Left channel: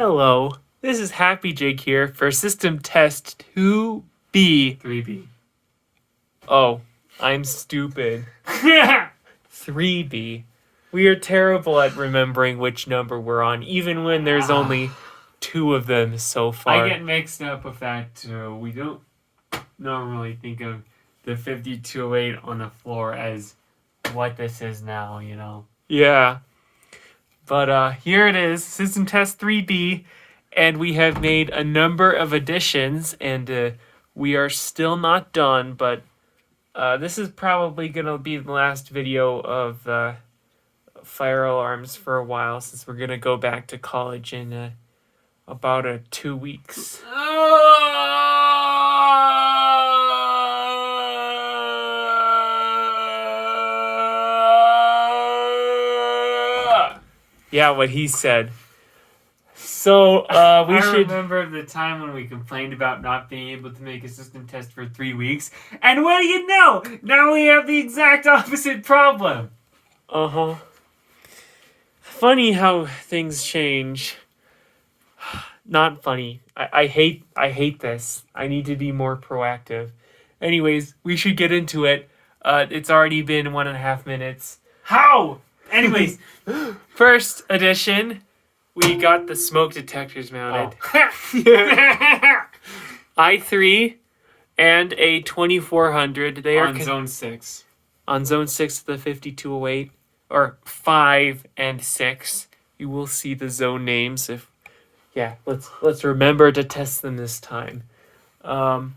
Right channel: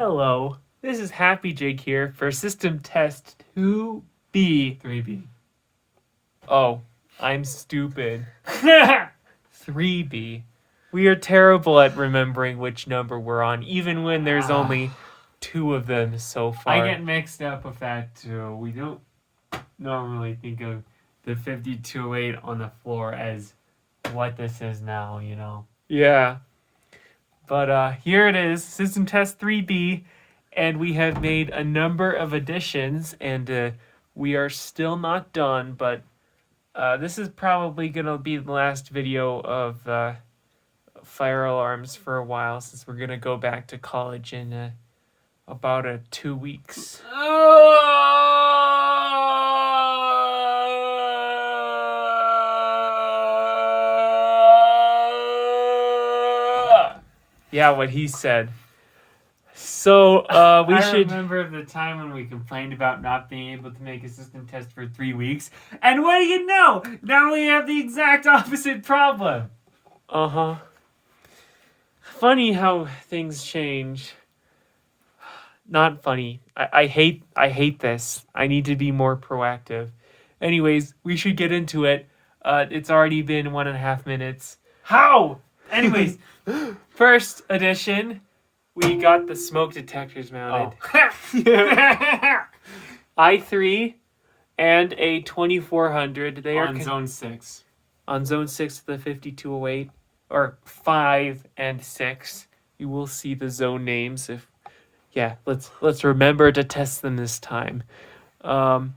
Hello, this is Happy Jake here for System Test 2B. 3B. Oh, I'm stupid. 3B. We are terrible at remembering which number we're on, even when there's only 2 of them so far. I get mixed up with that too. We don't normally think of the 5208 on the floor as what this is now, you know. Yeah. But here it is, System Test 3B, and we have made a number of additions, and we are still not done, but this is probably going to be the last video of fire alarms for a while, since we're going to go back to college in about 2 weeks. Yeah, what he said. So, I remember the time when we complained about not being able to make a system test for 3 weeks, and what do you know? Now we have the exact opposite problem. Uh-huh. Funny how things change. Not funny. I hate this. I need to be more proactive. Anyways, we should get into it. It's already been 1.5 minutes. How? Anyways, first edition, we got the smoke detectors mounted. I3 and a 2400. They are on zone 6. On zone 6 of the 5208, or 5 and 6. You will see the zone names if. Yeah, let's remember to test them this time. And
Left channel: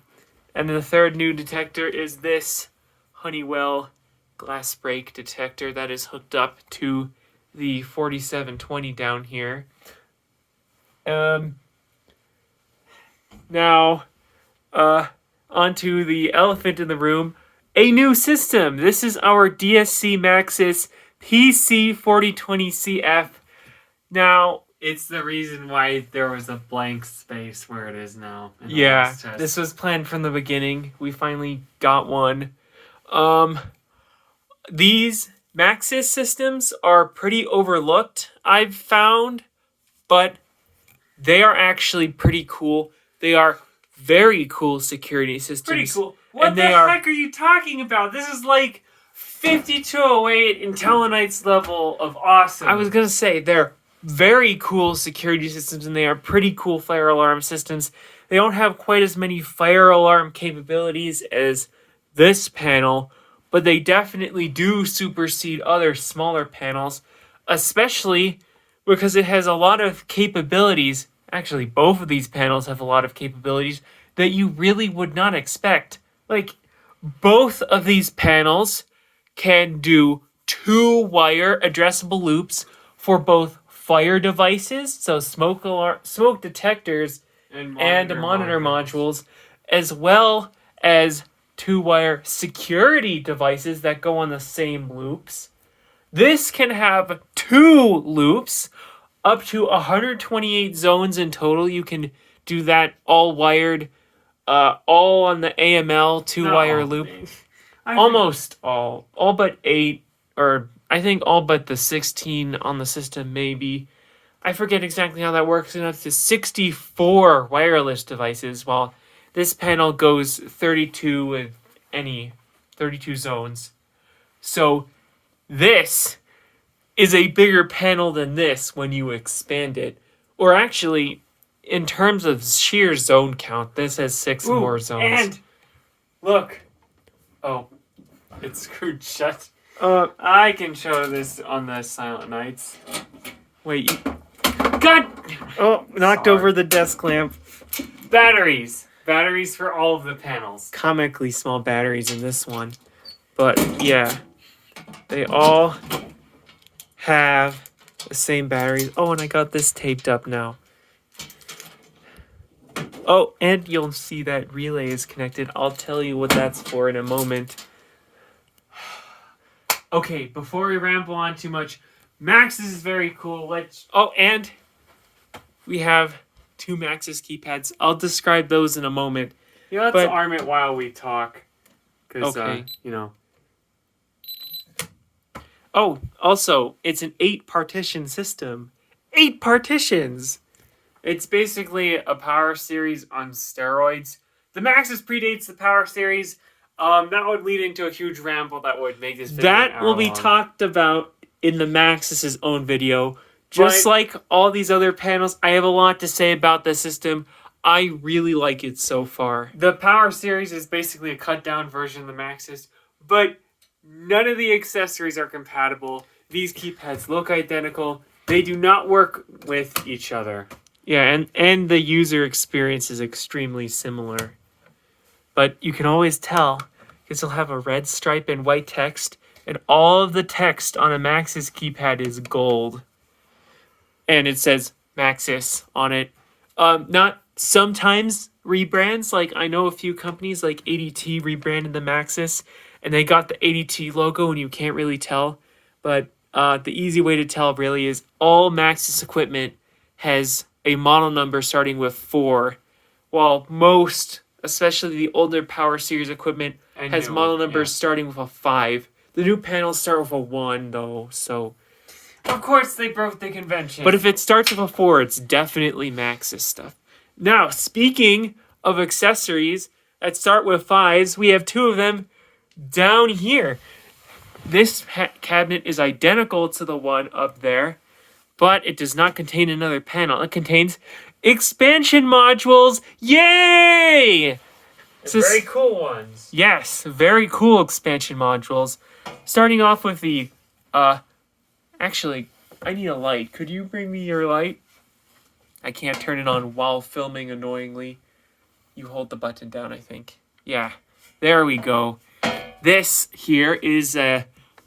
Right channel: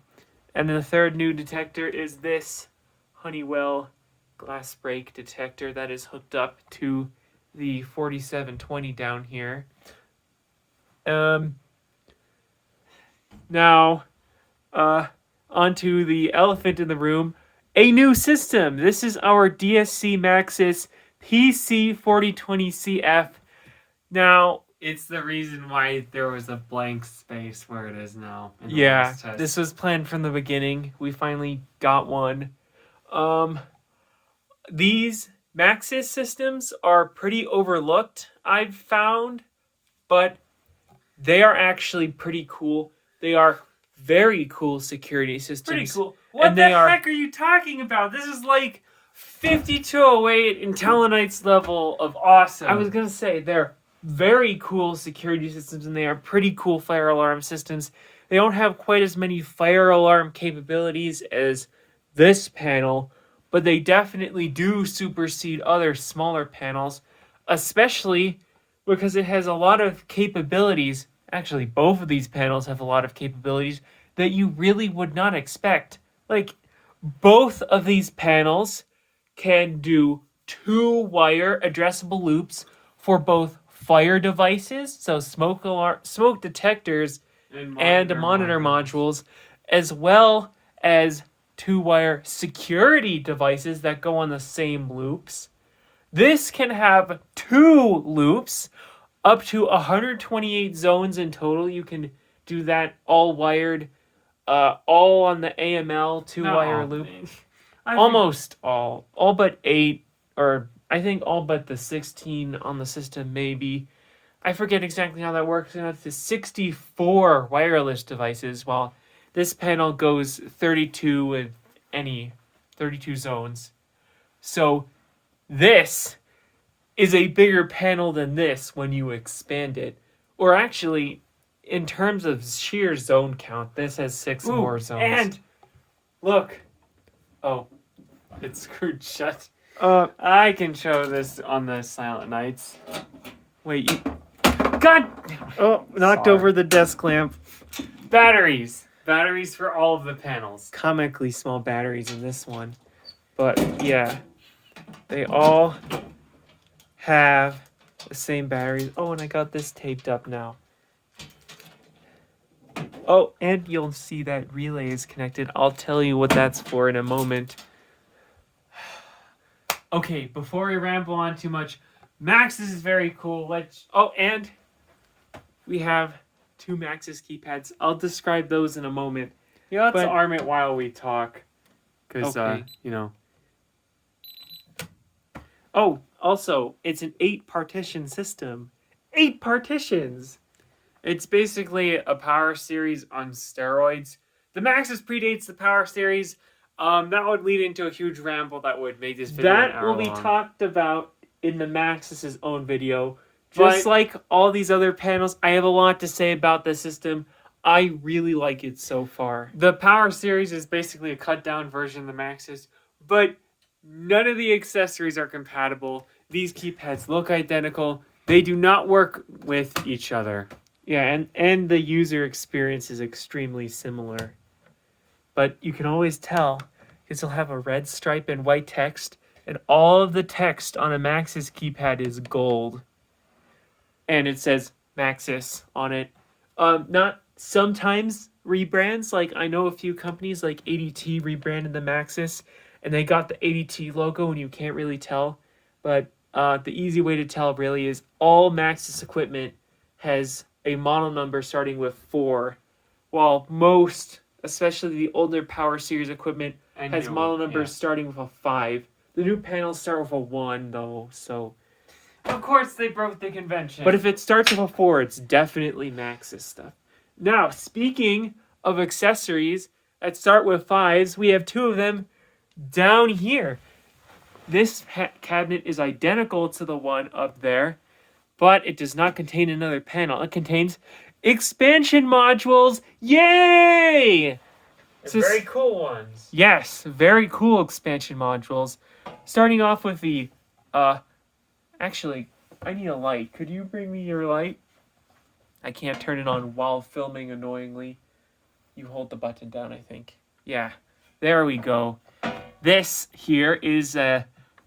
the third new detector is this Honeywell glass break detector that is hooked up to the 4720 down here. Now, onto the elephant in the room, a new system. This is our DSC Maxsys PC4020CF. Now, it's the reason why there was a blank space where it is now. Yeah, this was planned from the beginning. We finally got one. These Maxsys systems are pretty overlooked, I've found, but they are actually pretty cool. They are very cool security systems. Pretty cool. What the heck are you talking about? This is like 5208 Intelline's level of awesome. I was going to say, they're very cool security systems, and they are pretty cool fire alarm systems. They don't have quite as many fire alarm capabilities as this panel, but they definitely do supersede other smaller panels, especially because it has a lot of capabilities. Actually, both of these panels have a lot of capabilities that you really would not expect. Like, both of these panels can do 2-wire addressable loops for both fire devices, so smoke detectors and monitor modules, as well as 2-wire security devices that go on the same loops. This can have 2 loops, up to 128 zones in total. You can do that all wired, all on the AML 2-wire loop. Almost all but 8, or I think all but the 16 on the system, maybe. I forget exactly how that works, and up to 64 wireless devices, while this panel goes 32 with 32 zones. So this is a bigger panel than this when you expand it. Or actually, in terms of sheer zone count, this has 6 more zones. And look. Oh, it's screwed shut. I can show this on the Silent Nights. Wait, God! Oh, knocked over the desk lamp. Batteries. Batteries for all of the panels. Comically small batteries in this one. But, yeah. They all have the same batteries. Oh, and I got this taped up now. Oh, and you'll see that relay is connected. I'll tell you what that's for in a moment. Okay, before we ramble on too much, Maxsys is very cool. Oh, and we have 2 Maxsys keypads. I'll describe those in a moment. Yeah, let's arm it while we talk. Because, okay. You know. Oh, also, it's an 8-partition system. 8 partitions! It's basically a power series on steroids. The Maxsys predates the power series. That would lead into a huge ramble that would make this video That will be talked about in the Maxsys' own video. Just like all these other panels, I have a lot to say about the system. I really like it so far. The power series is basically a cut down version of the Maxsys, but none of the accessories are compatible. These keypads look identical. They do not work with each other. Yeah, and the user experience is extremely similar. But you can always tell because you'll have a red stripe and white text, and all of the text on a Maxsys keypad is gold. And it says Maxsys on it. Not sometimes rebrands, like I know a few companies like ADT rebranded the Maxsys, and they got the ADT logo and you can't really tell. But the easy way to tell really is all Maxsys equipment has a model number starting with 4, while most, especially the older Power Series equipment, has model numbers starting with a 5. The new panels start with a 1, though, so... Of course, they broke the convention. But if it starts with a 4, it's definitely Maxsys stuff. Now, speaking of accessories that start with 5s, we have 2 of them down here. This cabinet is identical to the one up there, but it does not contain another panel. It contains expansion modules. Yay! Very cool ones. Yes, very cool expansion modules. Starting off with the... Actually, I need a light. Could you bring me your light? I can't turn it on while filming, annoyingly. You hold the button down, I think. Yeah, there we go. This here is a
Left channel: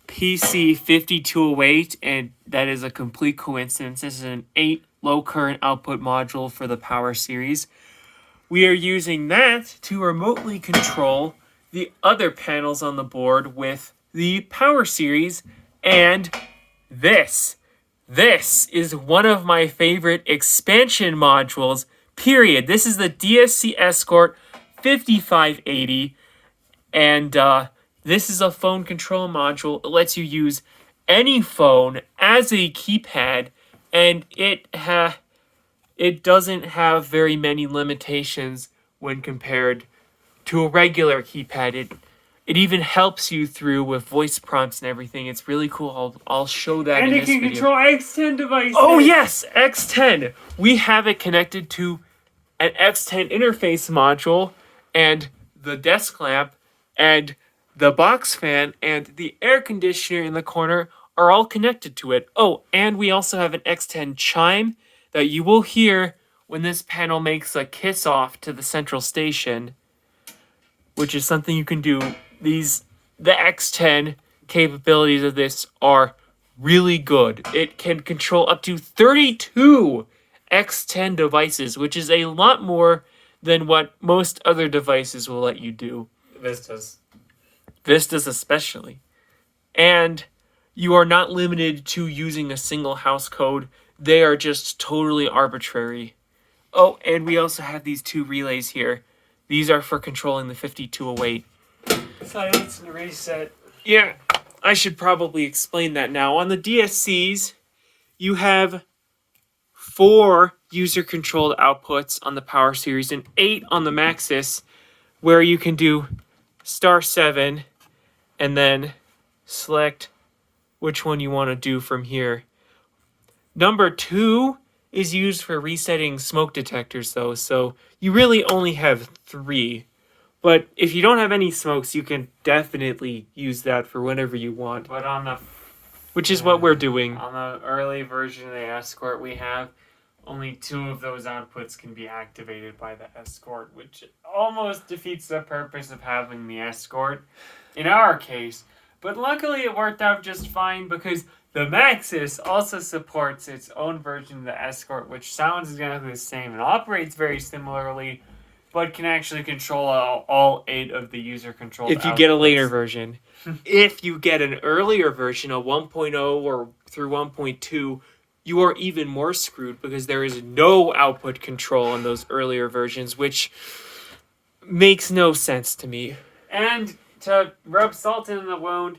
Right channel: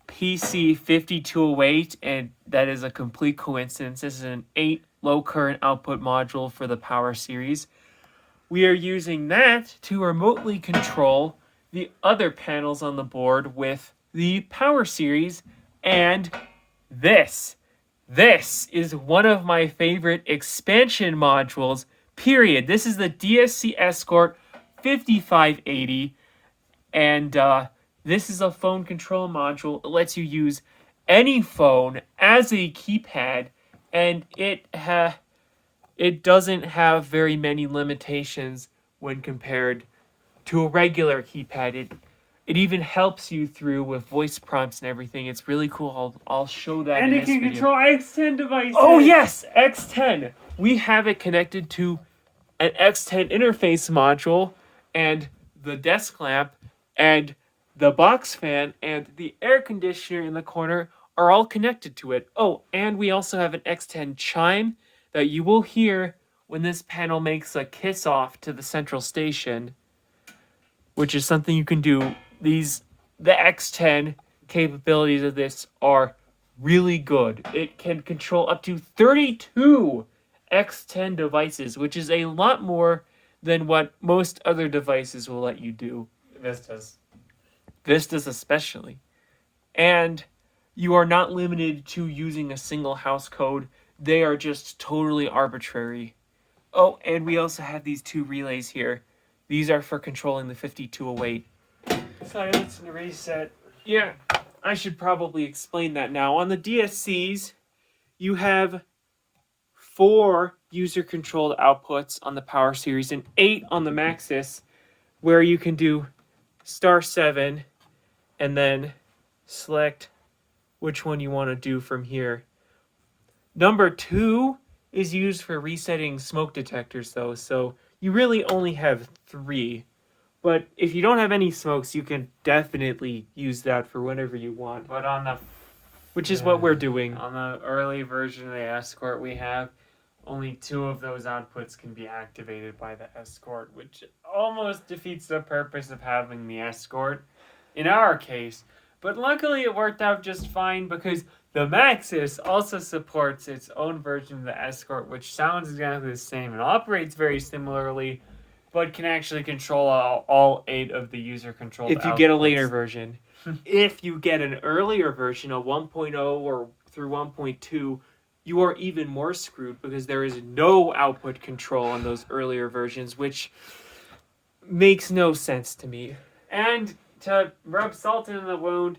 PC4020CF, and that is a complete coincidence. This is an 8 low current output module for the Power Series. We are using that to remotely control the other panels on the board with the Power Series and this. This is one of my favorite expansion modules, period. This is the DSC Escort 5580, and this is a phone control module. It lets you use any phone as a keypad, and it doesn't have very many limitations when compared to a regular keypad. It even helps you through with voice prompts and everything. It's really cool. I'll show that in this video. And it can control X10 devices. Oh yes, X10. We have it connected to an X10 interface module, and the desk lamp, and the box fan, and the air conditioner in the corner are all connected to it. Oh, and we also have an X10 chime that you will hear when this panel makes a kiss off to the central station, which is something you can do. The X10 capabilities of this are really good. It can control up to 32 X10 devices, which is a lot more than what most other devices will let you do. Vistas especially. And you are not limited to using a single house code. They are just totally arbitrary. Oh, and we also have these 2 relays here. These are for controlling the 5208. Silence and reset. Yeah, I should probably explain that now. On the DSCs, you have 4 user-controlled outputs on the Power Series and 8 on the Maxsys, where you can do *7 and then select which one you want to do from here. Number 2 is used for resetting smoke detectors, though, so you really only have 3. But if you don't have any smokes, you can definitely use that for whenever you want. But on the... Which is what we're doing. On the early version of the Escort we have, only 2 of those outputs can be activated by the Escort, which almost defeats the purpose of having the Escort in our case. But luckily it worked out just fine because the Maxsys also supports its own version of the Escort, which sounds exactly the same and operates very similarly, but can actually control all 8 of the user-controlled outputs. If you get a later version. If you get an earlier version, a 1.0 or through 1.2, you are even more screwed because there is no output control on those earlier versions, which makes no sense to me. And to rub salt in the wound,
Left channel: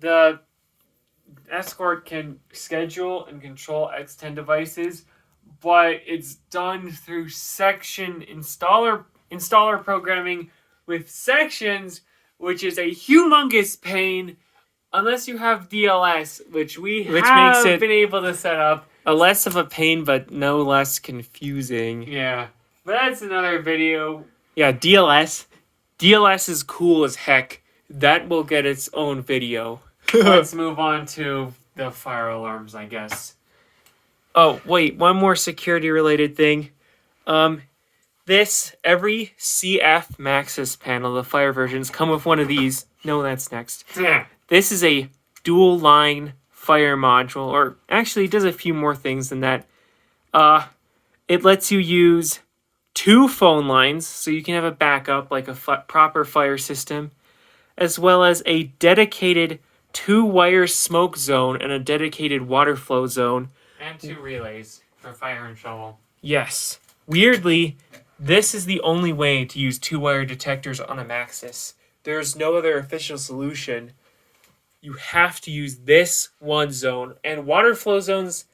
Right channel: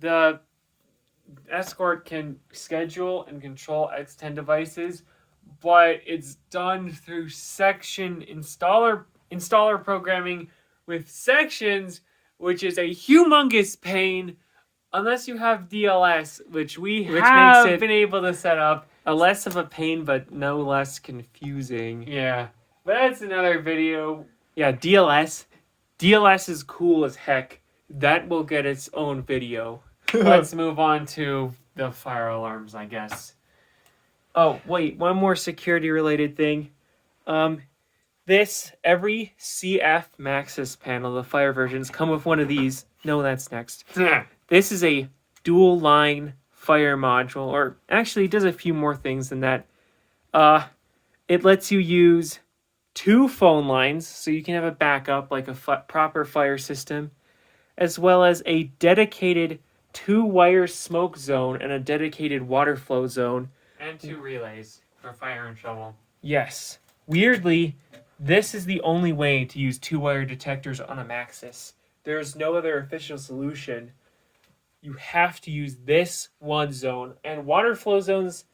the Escort can schedule and control X10 devices, but it's done through section installer programming with sections, which is a humongous pain unless you have DLS, which makes it been able to set up. A less of a pain, but no less confusing. Yeah, but that's another video. Yeah, DLS. DLS is cool as heck. That will get its own video. Let's move on to the fire alarms, I guess. Oh, wait, one more security-related thing. Every CF Maxsys panel, the fire versions, come with one of these. No, that's next. This is a dual-line fire module, or actually it does a few more things than that. It lets you use 2 phone lines, so you can have a backup like a proper fire system, as well as a dedicated 2-wire smoke zone and a dedicated water flow zone. And 2 relays for fire and shovel. Yes. Weirdly, this is the only way to use 2-wire detectors on a Maxsys. There's no other official solution. You have to use this one zone. And water flow zones,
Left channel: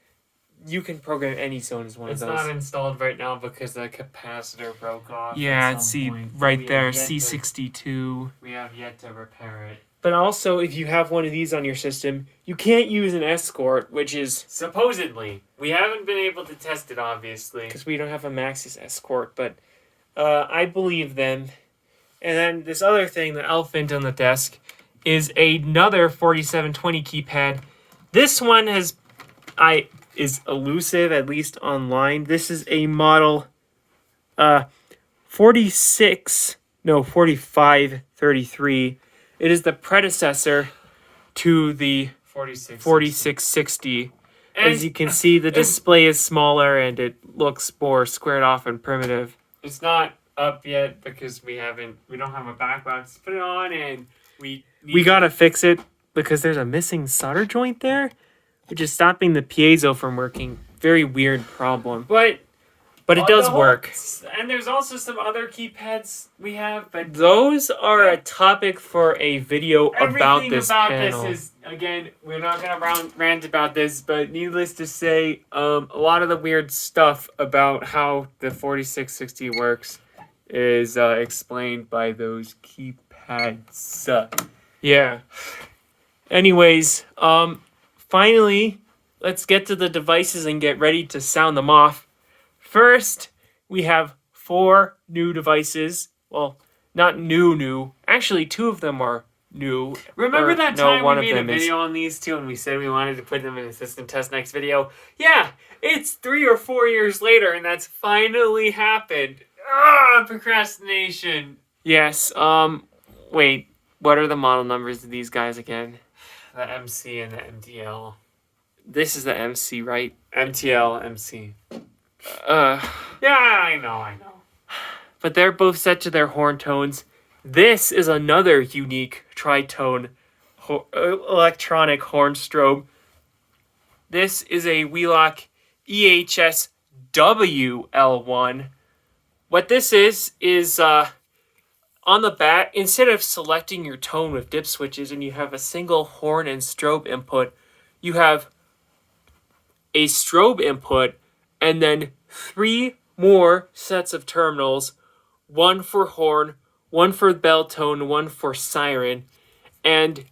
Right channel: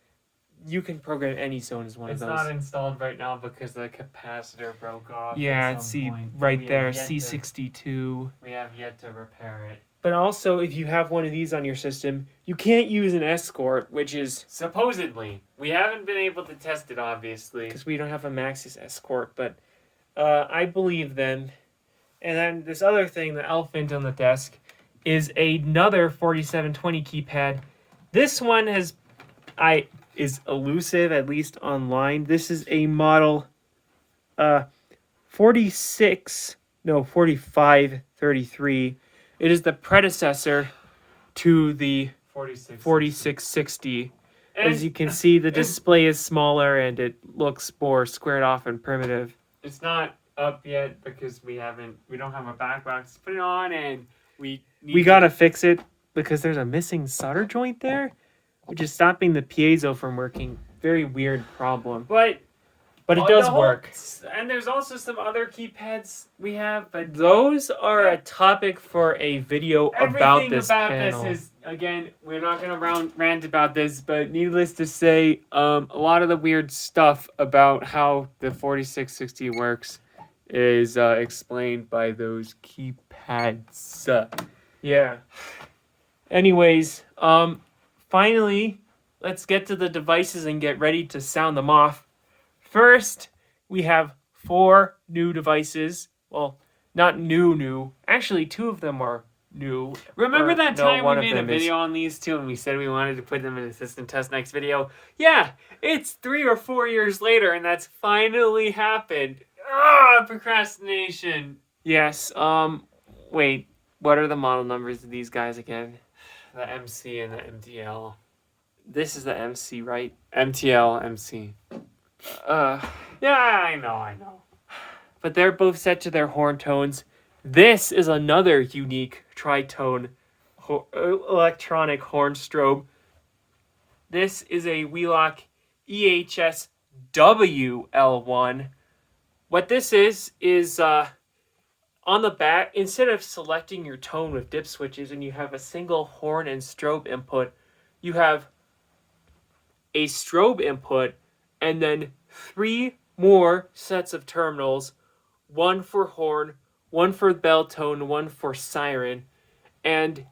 you can program any zone as one of those. It's not installed right now because the capacitor broke off. Yeah, see right there, C62. We have yet to repair it. But also, if you have one of these on your system, you can't use an Escort, which is... Supposedly. We haven't been able to test it, obviously. Because we don't have a Maxsys Escort, but I believe them. And then this other thing, the elephant on the desk, is another 4720 keypad. This one is elusive, at least online. This is a model 4533. It is the predecessor to the 4660. As you can see, the display is smaller and it looks more squared off and primitive. It's not up yet because we don't have a back box to put it on, and we gotta fix it because there's a missing solder joint there, which is stopping the piezo from working. Very weird problem. But it does work. And there's also some other keypads we have, but those are a topic for a video about this panel. This is, again, we're not going to rant about this, but needless to say, a lot of the weird stuff about how the 4660 works is explained by those keypads. Yeah. Anyways, finally, let's get to the devices and get ready to sound them off. First, we have 4 new devices. Well, not new. Actually, 2 of them are new. Remember that time we made a video on these 2 and we said we wanted to put them in a system test next video? Yeah, it's 3 or 4 years later and that's finally happened. Procrastination. Yes, wait, what are the model numbers of these guys again? The MC and the MTL. This is the MC, right? MTL, MC. Yeah, I know. But they're both set to their horn tones. This is another unique tritone electronic horn strobe. This is a Wheelock EHS WL1. What this is on the back, instead of selecting your tone with dip switches and you have a single horn and strobe input, you have a strobe input and then 3 more sets of terminals, 1 for horn, 1 for bell tone, 1 for siren, and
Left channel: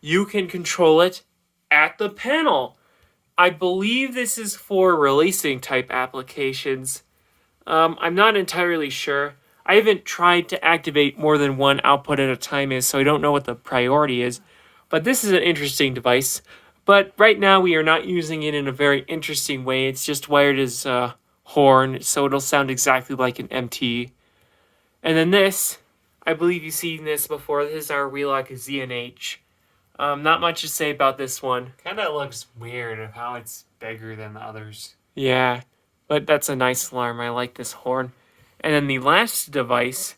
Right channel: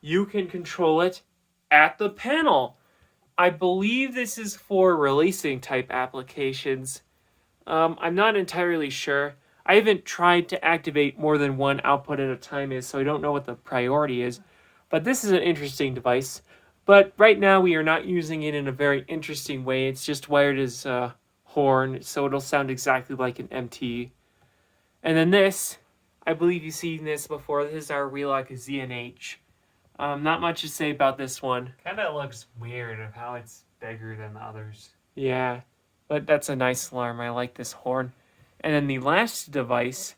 you can control it at the panel. I believe this is for releasing type applications. I'm not entirely sure. I haven't tried to activate more than 1 output at a time, so I don't know what the priority is. But this is an interesting device. But right now we are not using it in a very interesting way. It's just wired as horn, so it'll sound exactly like an MT. And then this, I believe you've seen this before. This is our Wheelock ZNH. Not much to say about this one. Kind of looks weird of how it's bigger than the others. Yeah, but that's a nice alarm. I like this horn. And then the last device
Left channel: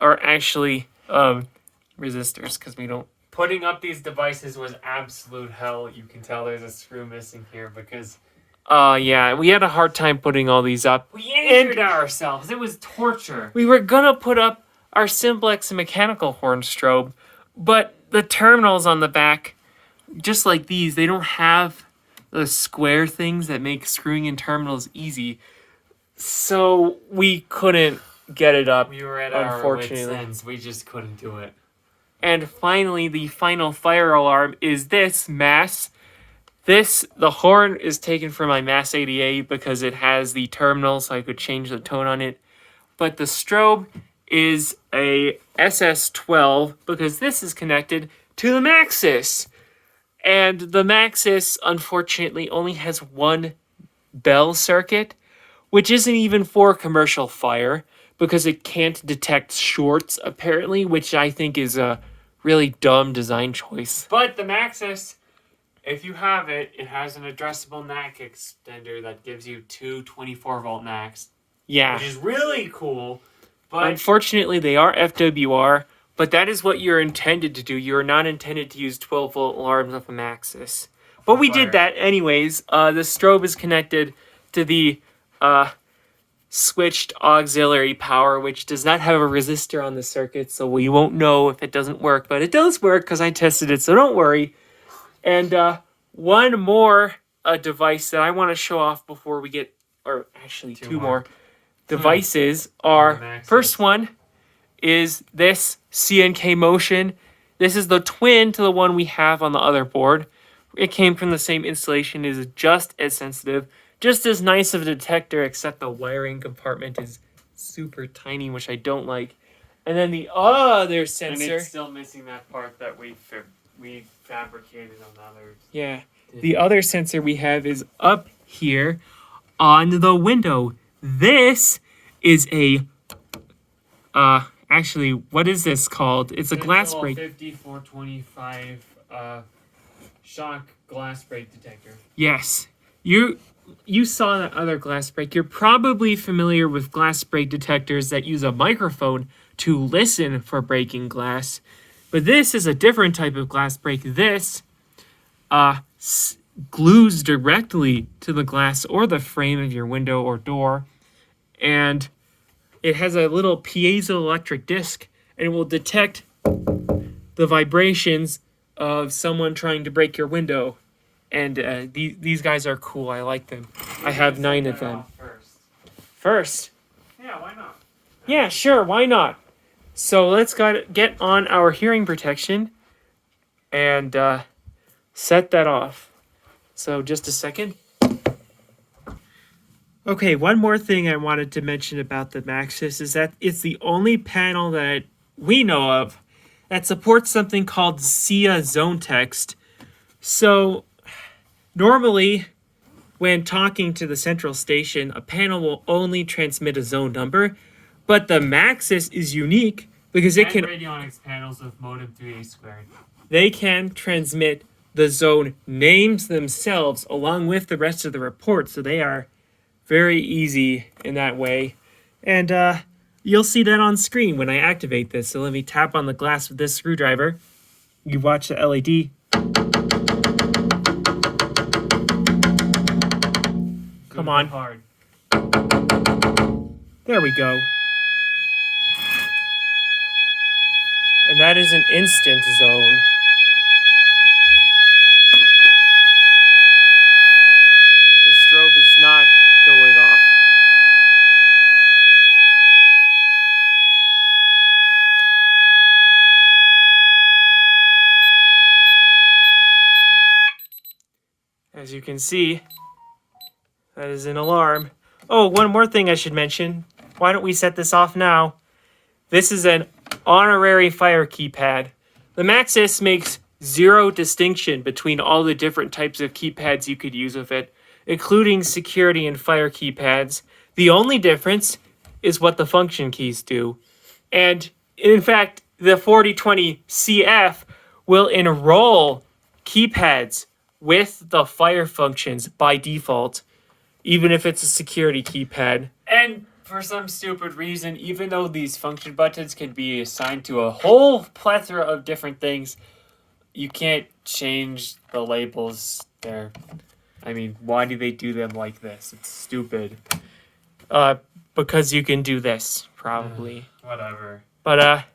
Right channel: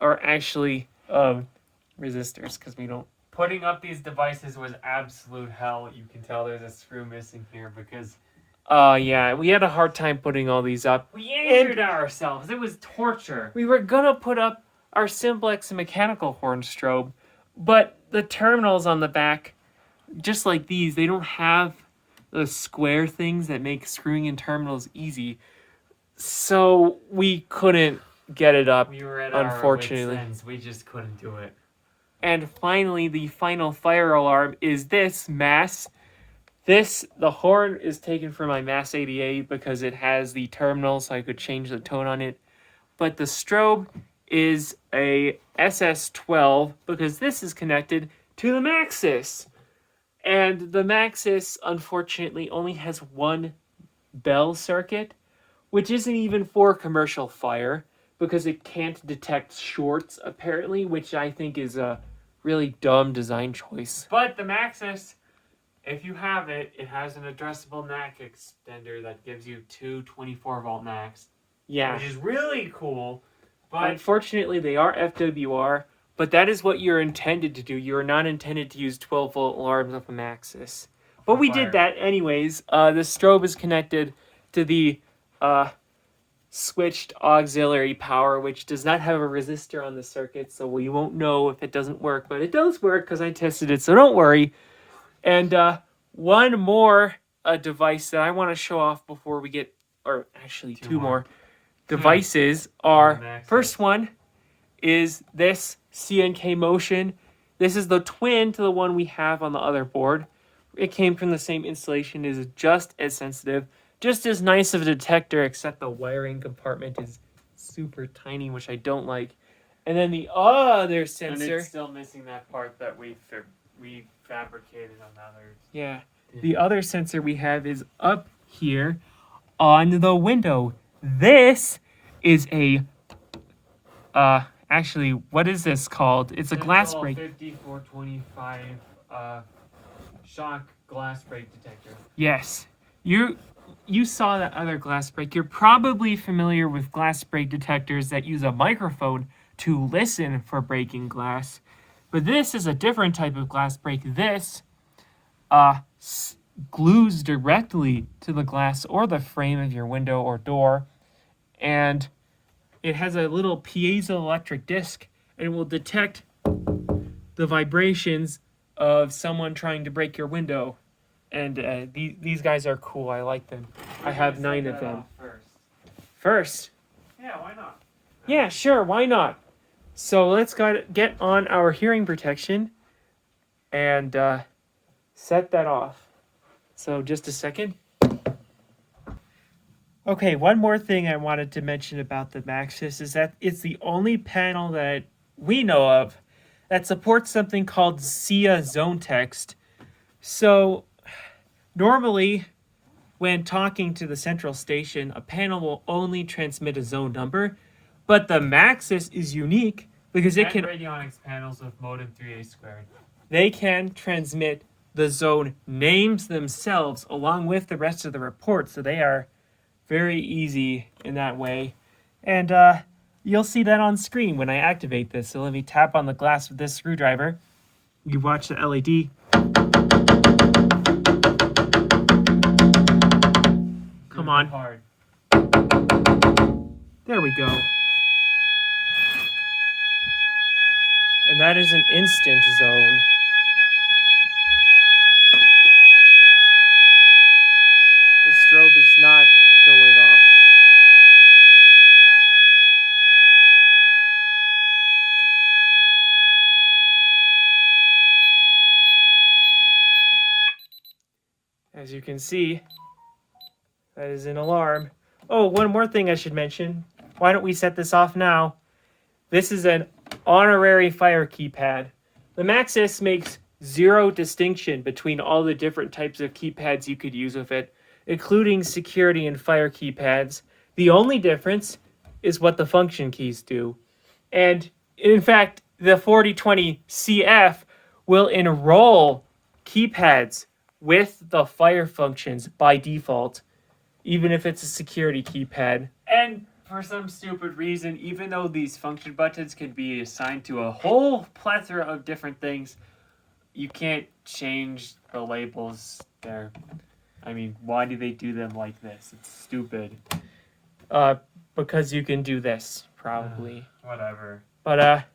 are actually resistors, because we don't... Putting up these devices was absolute hell. You can tell there's a screw missing here because... yeah, we had a hard time putting all these up. We injured ourselves. It was torture. We were gonna put up our simplex mechanical horn strobe, but the terminals on the back, just like these, they don't have the square things that make screwing in terminals easy. So we couldn't get it up, We were at our wits' unfortunately. ends. We just couldn't do it. And finally, the final fire alarm is this Mass. The horn is taken from my Mass 88 because it has the terminal, so I could change the tone on it. But the strobe is a SS12 because this is connected to the Maxsys. And the Maxsys, unfortunately, only has one bell circuit, which isn't even for commercial fire because it can't detect shorts, apparently, which I think is a really dumb design choice. But the Maxsys, if you have it, it has an addressable NAC extender that gives you two 24-volt NACs, Yeah. which is really cool. But Unfortunately, they are FWR, but that is what you're intended to do. You are not intended to use 12-volt alarms off a Maxsys. But we did that anyways. The strobe is connected to the switched auxiliary power, which does not have a resistor on the circuit, so we won't know if it doesn't work. But it does work because I tested it, so don't worry. And one more device that I want to show off before we get, or actually two more devices are, first one is this CNK Motion. This is the twin to the one we have on the other board. It came from the same installation, is just as sensitive, just as nice of a detector, except the wiring compartment is super tiny, which I don't like. And then the other and sensor, it's still missing that part that we fabricated on the others. yeah, the other sensor we have is up here on the window. This is a, actually, what is this called? It's a glass break. 5425 shock glass break detector. Yes. You saw that other glass break. You're probably familiar with glass break detectors that use a microphone to listen for breaking glass. But this is a different type of glass break. This glues directly to the glass or the frame of your window or door. And it has a little piezoelectric disc and it will detect the vibrations of someone trying to break your window. And these guys are cool. I like them. I have 9 of them. First? Yeah, why not? Yeah, sure. Why not? So let's get on our hearing protection and set that off. So just a second. Okay, one more thing I wanted to mention about the Maxsys is that it's the only panel that we know of that supports something called SIA zone text. So normally, when talking to the central station, a panel will only transmit a zone number, but the Maxsys is unique because it can radionics panels with modem 3A squared. They can transmit the zone names themselves along with the rest of the report, so they are very easy in that way. And you'll see that on screen when I activate this. So let me tap on the glass with this screwdriver. You watch the LED. Come on. Hard. There we go. And that is an instant zone. The strobe is not going off. As you can see, that is an alarm. Oh, one more thing I should mention. Why don't we set this off now? This is an honorary fire keypad. The Maxsys makes zero distinction between all the different types of keypads you could use with it, including security and fire keypads. The only difference is what the function keys do. And in fact, the 4020CF will enroll keypads with the fire functions by default, even if it's a security keypad. And for some stupid reason, even though these function buttons can be assigned to a whole plethora of different things, you can't change the labels there. I mean, why do they do them like this? It's stupid. Because you can do this, probably. Whatever. But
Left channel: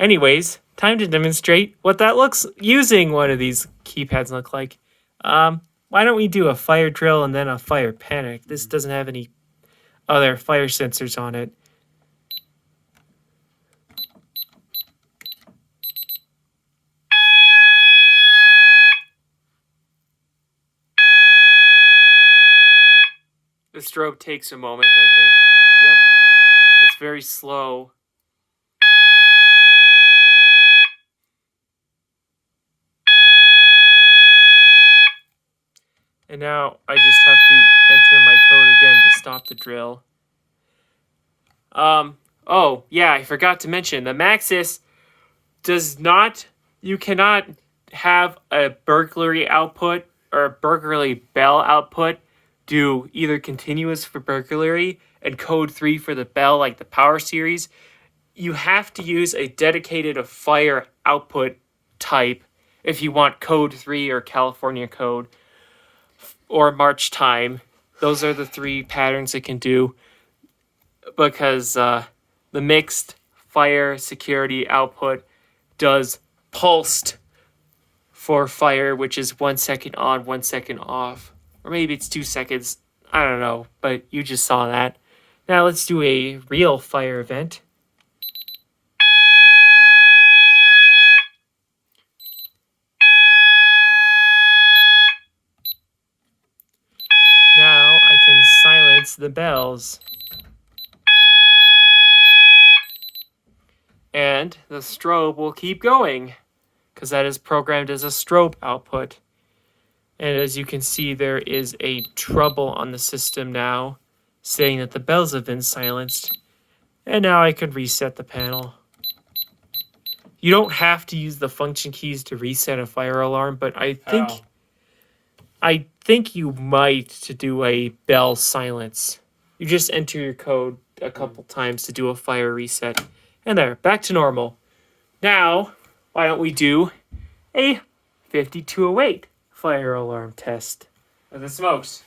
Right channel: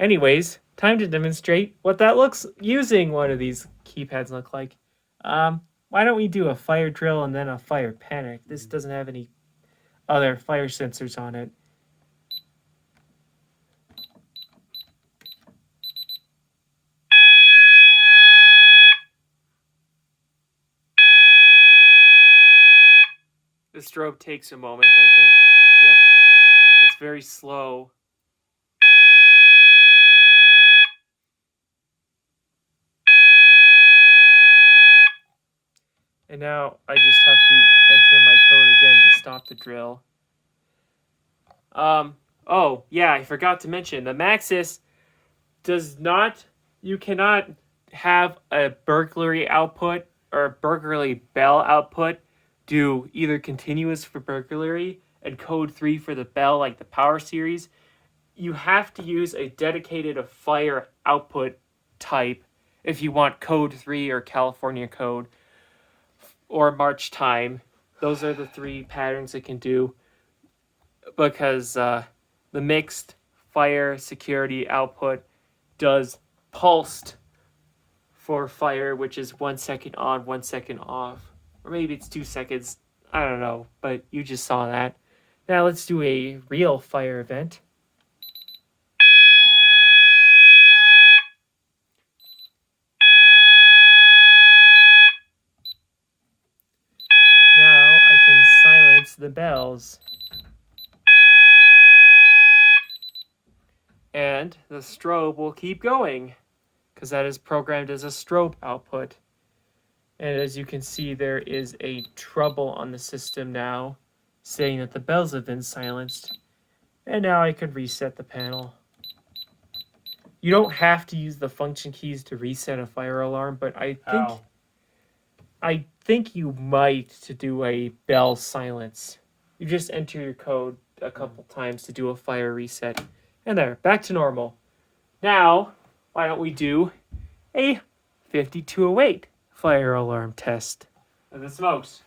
anyways, time to demonstrate what that looks using one of these keypads look like. Why don't we do a fire drill and then a fire panic? This doesn't have any other fire sensors on it. The strobe takes a moment, I think. Yep. It's very slow. And now I just have to enter my code again to stop the drill. Oh, yeah, I forgot to mention, the Maxsys does not, you cannot have a burglary output or a burglary bell output do either continuous for burglary and code 3 for the bell like the power series. You have to use a dedicated fire output type if you want code 3 or California code or March time. Those are the 3 patterns it can do, because the mixed fire security output does pulsed for fire, which is 1 second on, 1 second off. Or maybe it's 2 seconds. I don't know, but you just saw that. Now let's do a real fire event. Now I can silence the bells. And the strobe will keep going, because that is programmed as a strobe output. And as you can see, there is a trouble on the system now, saying that the bells have been silenced. And now I could reset the panel. You don't have to use the function keys to reset a fire alarm, but I think you might to do a bell silence. You just enter your code a couple times to do a fire reset. And there, back to normal. Now, why don't we do a 5208 fire alarm test? The smokes.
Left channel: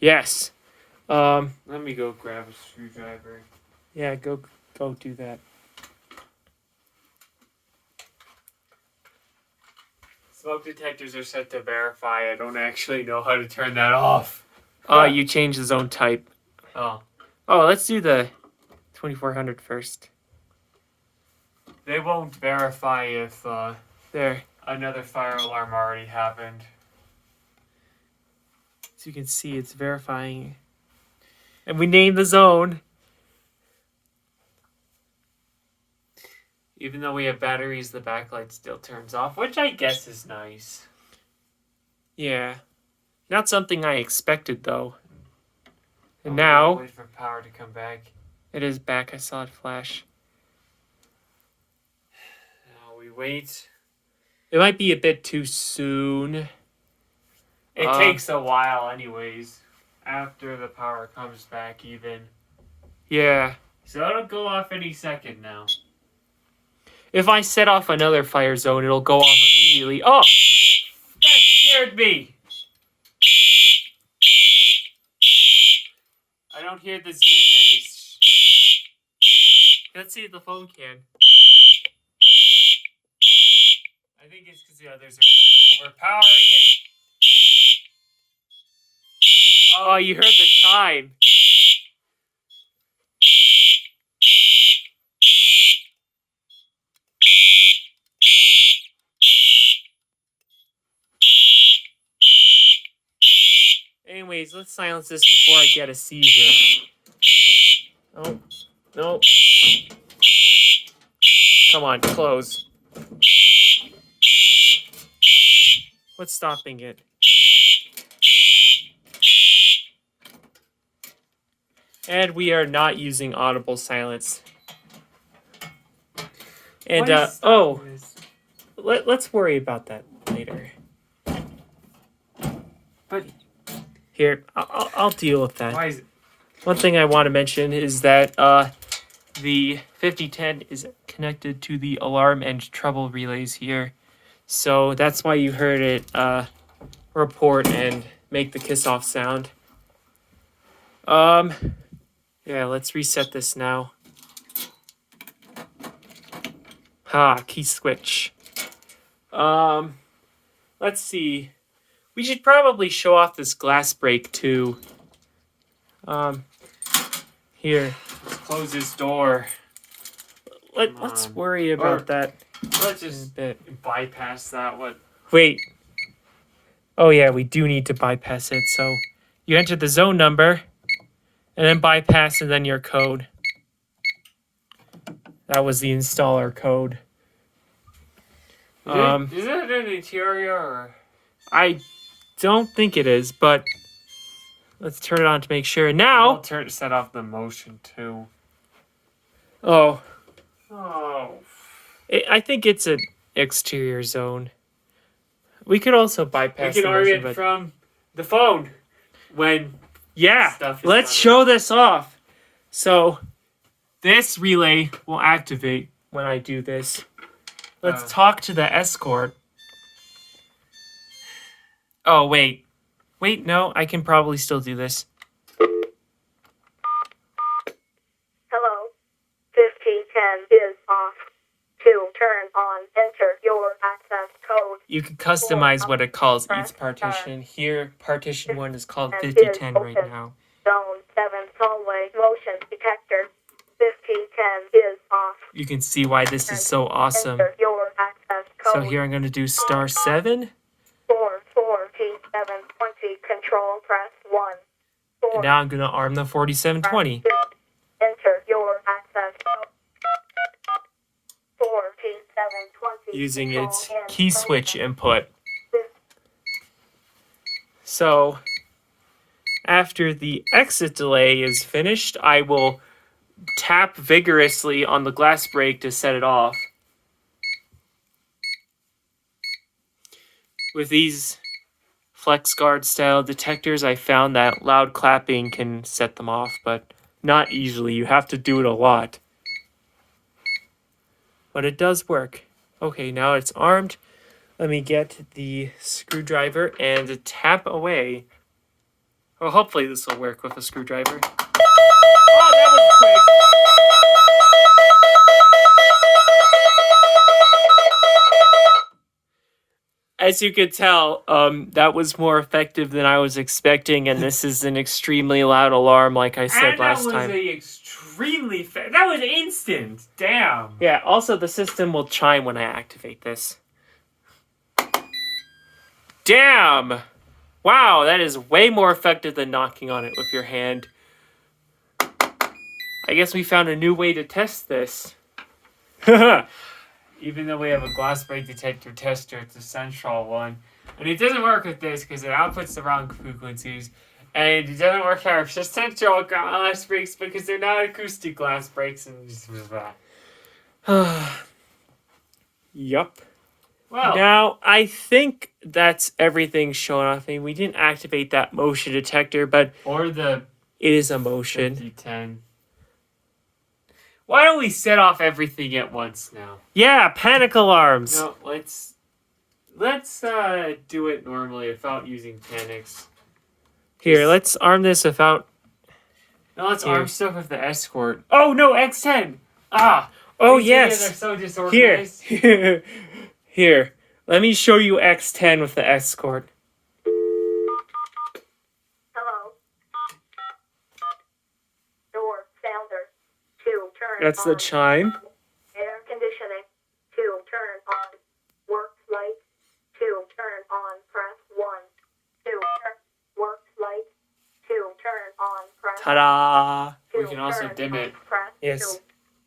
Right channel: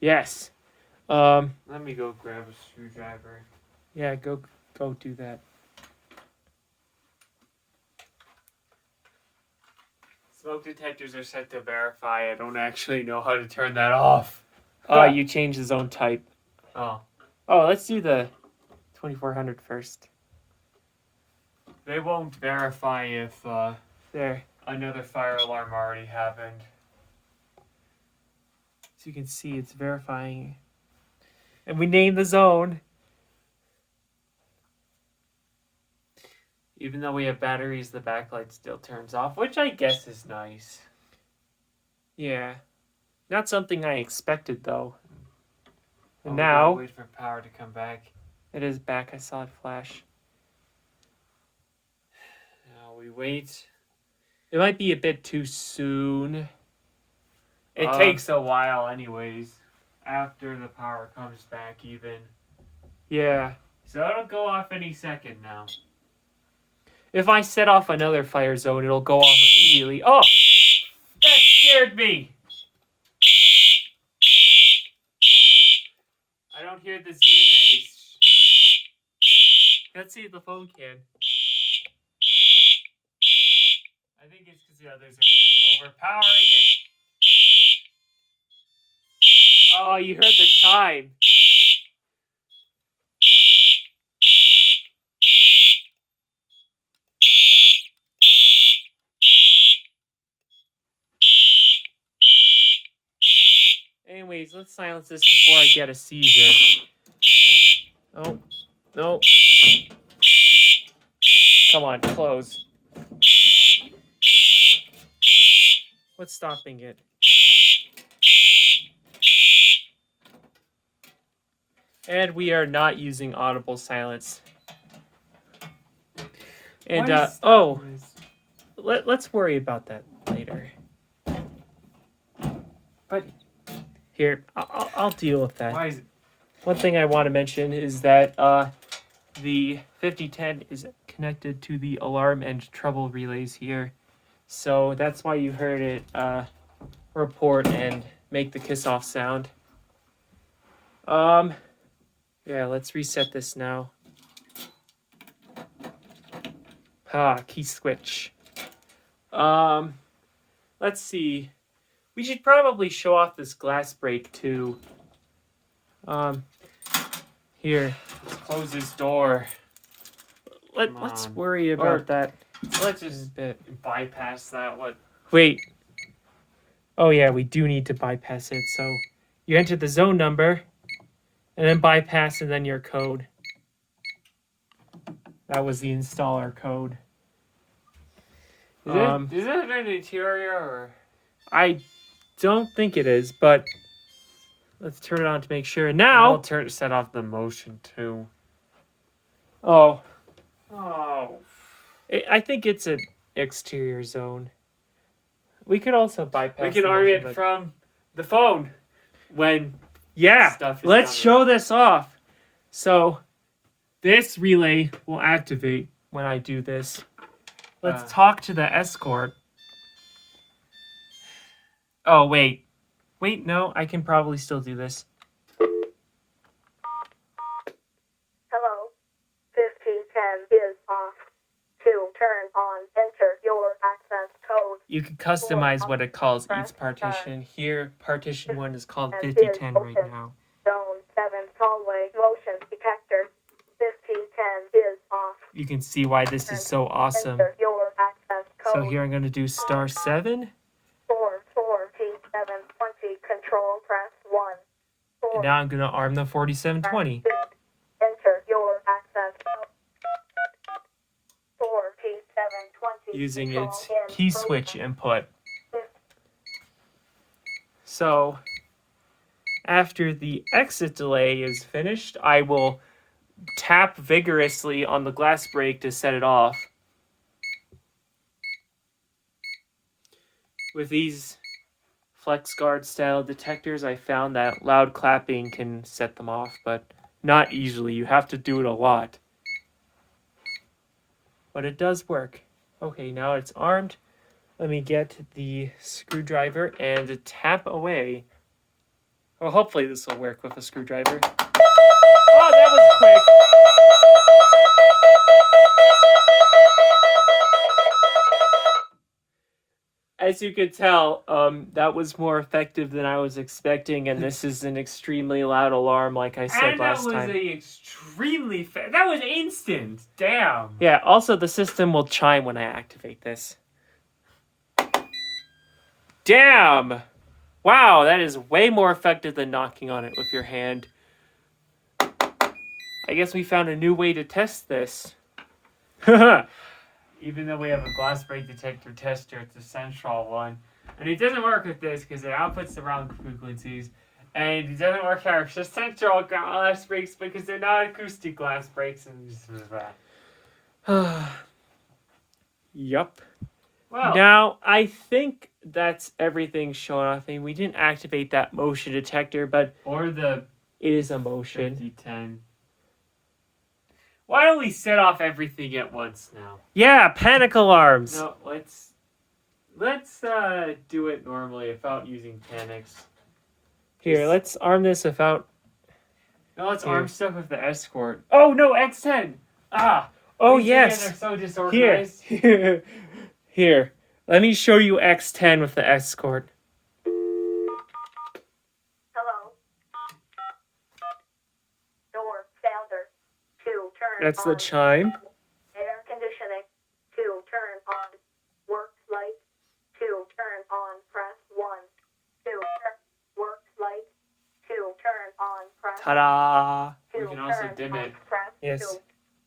Yes. Let me go grab a screwdriver. Yeah, go do that. Smoke detectors are set to verify. I don't actually know how to turn that off. You change the zone type. Oh. Oh, let's do the 2400 first. They won't verify if There. another fire alarm already happened. So you can see it's verifying. And we name the zone. Even though we have batteries, the backlight still turns off, which I guess is nice. Yeah. Not something I expected, though. And We now gotta wait for power to come back. it is back. I saw it flash. Now we wait. It might be a bit too soon. It takes a while anyways. After the power comes back even. Yeah. So it'll go off any second now. If I set off another fire zone, it'll go off immediately. Oh! That scared me! I don't hear the ZMAs. Let's see if the phone can. I think it's because the others are just overpowering it. Oh, you heard the chime. Anyways, let's silence this before I get a seizure. Oh, no. Come on, close. What's stopping it? And we are not using audible silence. And, let's worry about that later. But Here, I'll deal with that. why is it? One thing I want to mention is that the 5010 is connected to the alarm and trouble relays here. So that's why you heard it report and make the kiss off sound. Yeah, let's reset this now. Key switch. Let's see. We should probably show off this glass break too. Here. Let's close this door. Let's worry about that. Let's just bypass that one. Wait. Oh yeah, we do need to bypass it. So you enter the zone number, and then bypass, and then your code. That was the installer code. Is it an interior or? I don't think it is, but let's turn it on to make sure. Now, I'll set off the motion too. Oh, I think it's an exterior zone. We could also bypass. We can arm it from the phone when. Yeah, stuff is let's done. show this off. So, this relay will activate when I do this. Let's talk to the Escort. Oh, wait. Wait, no, I can probably still do this. Hello. 5010 is off. To turn on, enter your access code. You can customize what it calls each partition. Here, partition 1 is called 5010 right now. Zone 7 hallway motion detector. 5010 is off. You can see why this is so awesome. Enter your access code. So here I'm going to do star 7. 4720 control press 1. And now I'm going to arm the 4720. Enter your access code. 4720 using its key switch input. So after the exit delay is finished, I will tap vigorously on the glass break to set it off. With these FlexGuard style detectors, I found that loud clapping can set them off, but not easily. You have to do it a lot. But it does work. Okay, now it's armed. Let me get the screwdriver and tap away. Well, hopefully this will work with a screwdriver. Oh, that was quick. As you could tell, that was more effective than I was expecting, and this is an extremely loud alarm, like I said last time. That was instant. Damn. Yeah, also the system will chime when I activate this. Damn! Wow, that is way more effective than knocking on it with your hand. I guess we found a new way to test this. Even though we have a glass break detector tester, it's a central one. And it doesn't work with this because it outputs the wrong frequencies. And it doesn't work for our central glass breaks because they're not acoustic glass breaks. And just Yup. well, Now, I think that's everything shown off. I mean, we didn't activate that motion detector, but or the it is a motion. 5010. Why don't we set off everything at once now? Yeah, panic alarms. No, let's do it normally without using panics. Here, let's arm this without... No, let's Here. arm stuff with the Escort. Oh no, X10! Oh, These yes! They're so disorganized. Here. Here. Let me show you X10 with the Escort. Hello. Door sounder. To turn That's on. the chime. Air conditioning. To turn on. Work light. To turn on. Press 1. To turn. Work light. To turn on. Press. Ta-da! We can also dim it. Press Yes.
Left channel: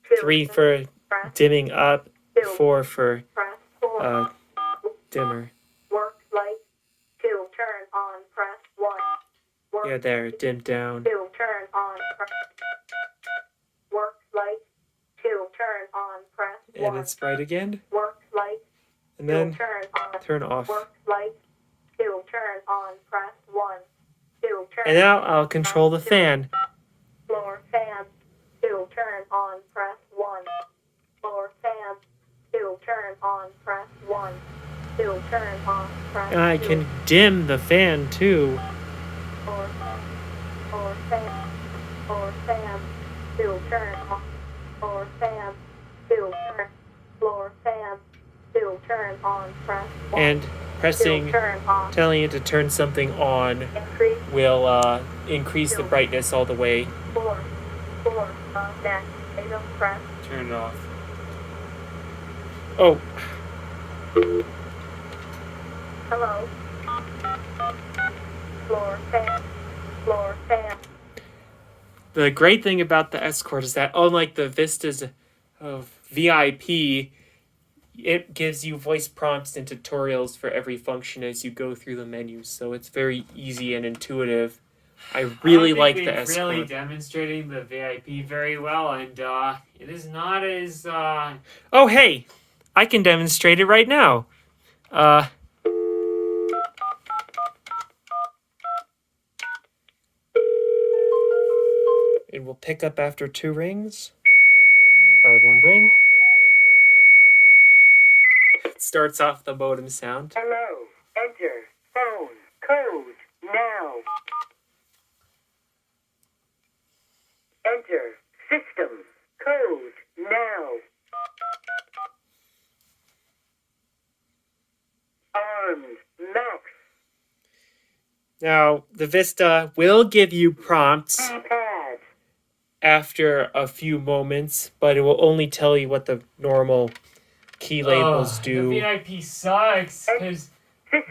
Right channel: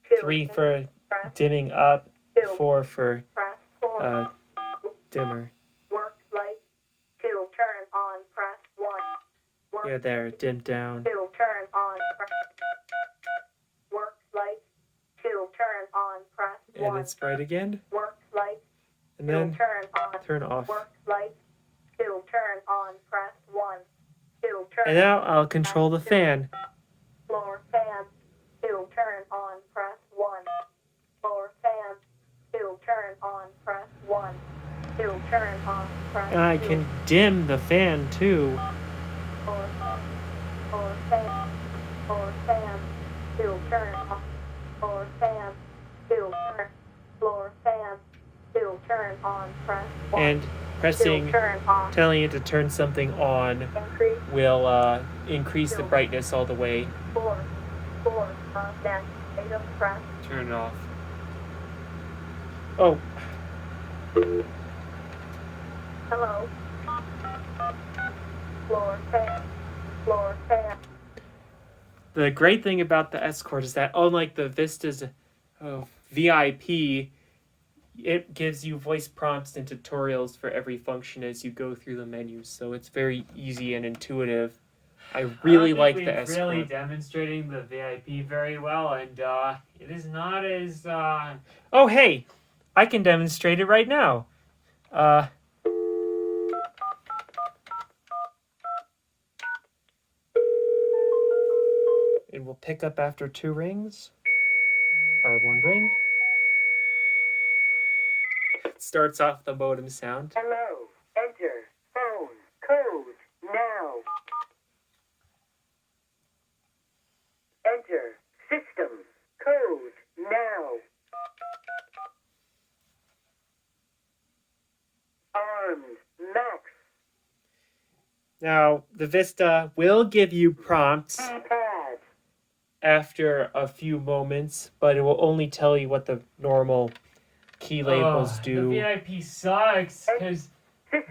2. 3 for dimming up, 4 for Press 4. dimmer. Work light. To turn on. Press 1. Work Yeah, there, dimmed down. To turn on. Press. Work light. To turn on. Press 1. And it's bright again. Work light. And then turn on. turn off. Work light. To turn on. Press 1. To turn. And now I'll control the fan. Floor fan. To turn on. Press 1. Floor fan. To turn on. Press 1. To turn on. Press And I 2. can dim the fan too. Floor fan. Floor fan. Floor fan. To turn on. Floor fan. To turn. Floor fan. To turn on. Press 1. And pressing, turn off. telling it to turn something on Increase will increase the brightness all the way. 4. Next item press. Turn it off. Oh, Hello. Floor fan. Floor fan. the great thing about the Escort is that unlike the Vistas of VIP, it gives you voice prompts and tutorials for every function as you go through the menus, so it's very easy and intuitive. I really like the Escort. Really demonstrating the VIP very well, and it is not as Oh, hey, I can demonstrate it right now. It will pick up after 2 rings, or 1 ring. It starts off the modem sound. Hello. Enter phone code now. Enter system code now. Armed Max. Now, the Vista will give you prompts Pad. after a few moments, but it will only tell you what the normal key labels do. The VIP sucks because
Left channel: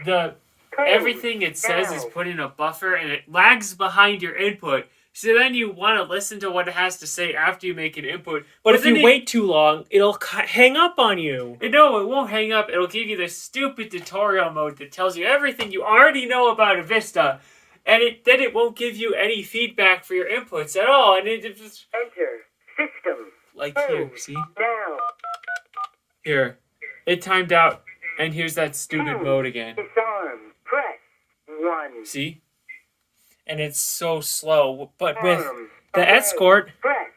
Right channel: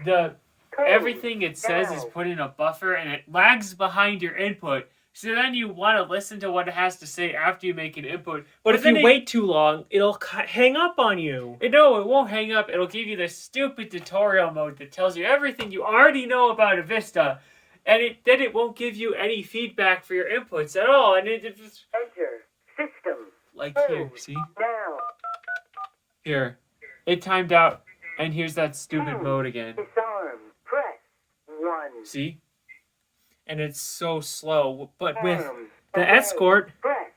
the everything it says is put in a buffer and it lags behind your input. So then you want to listen to what it has to say after you make an input. But if then you wait too long, it'll hang up on you. No, it won't hang up. It'll give you the stupid tutorial mode that tells you everything you already know about a Vista. And then it won't give you any feedback for your inputs at all. And it just... Enter system Like here, see? now. Here. It timed out. And here's that stupid mode again. Disarm. Press 1. See? And it's so slow. But with Arm. the Away. Escort, Press.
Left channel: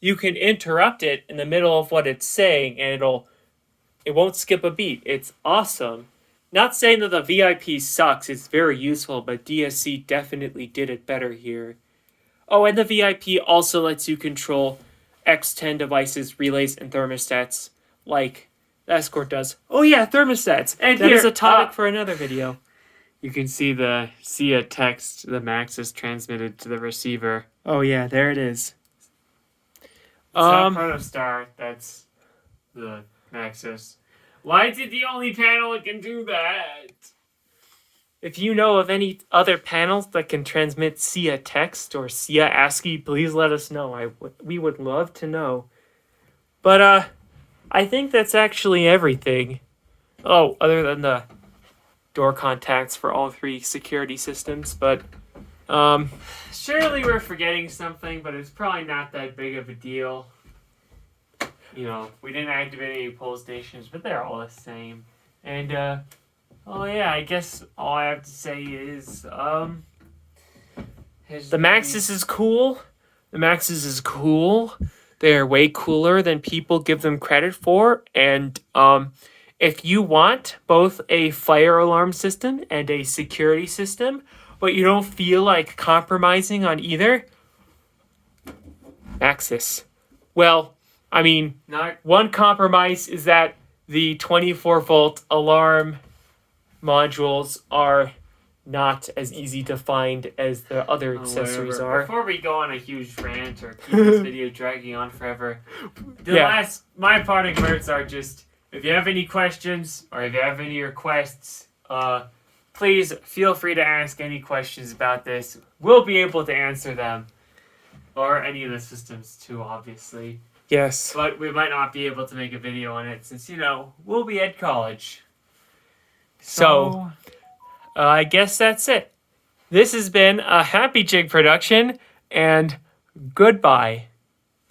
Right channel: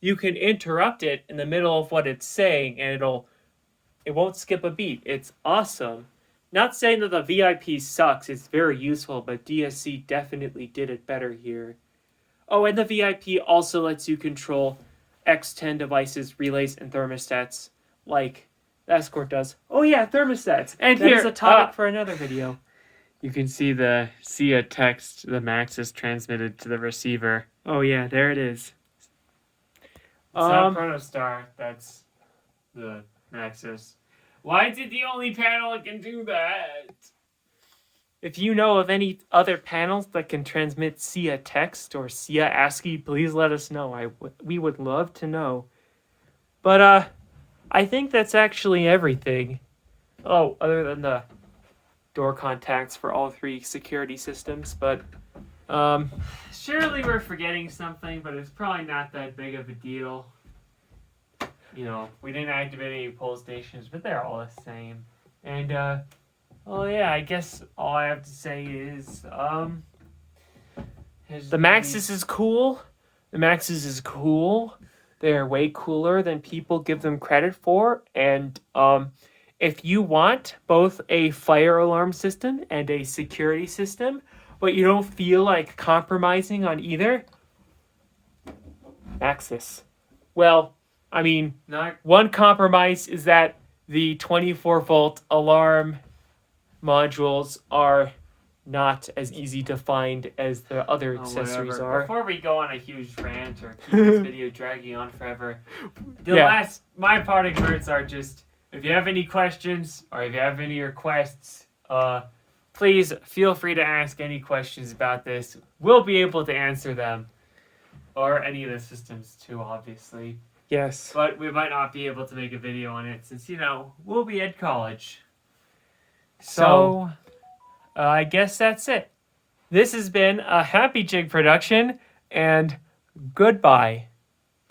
you can interrupt it in the middle of what it's saying, and it won't skip a beat. It's awesome. Not saying that the VIP sucks, it's very useful, but DSC definitely did it better here. Oh, and the VIP also lets you control X10 devices, relays, and thermostats, like the Escort does. Oh yeah, thermostats! And that here, is a topic for another video. You can see a text the Maxsys transmitted to the receiver. Oh yeah, there it is. It's not Protostar, that's the Maxsys. Why is it the only panel that can do that? If you know of any other panels that can transmit SIA text or SIA ASCII, please let us know. We would love to know. But I think that's actually everything. Oh, other than the door contacts for all 3 security systems, but Surely we're forgetting something, but it's probably not that big of a deal. You know, we didn't activate any poll stations, but they're all the same. And oh yeah, I guess all I have to say is the Maxsys is cool. The Maxsys is cool. They're way cooler than people give them credit for, and if you want both a fire alarm system and a security system, but you don't feel like compromising on either, Maxsys. Well, I mean, one compromise is that the 24-volt alarm modules are not as easy to find as the other accessories are. Before we go on a huge rant or keep this video dragging on forever, my parting words are just, if you have any questions or if you have any requests, please feel free to ask any questions about this. We'll be able to answer them. Or any of the systems too, obviously. Yes. But we might not be able to make a video on it since, we'll be at college. So I guess that's it. This has been a Happy Jig production, and goodbye.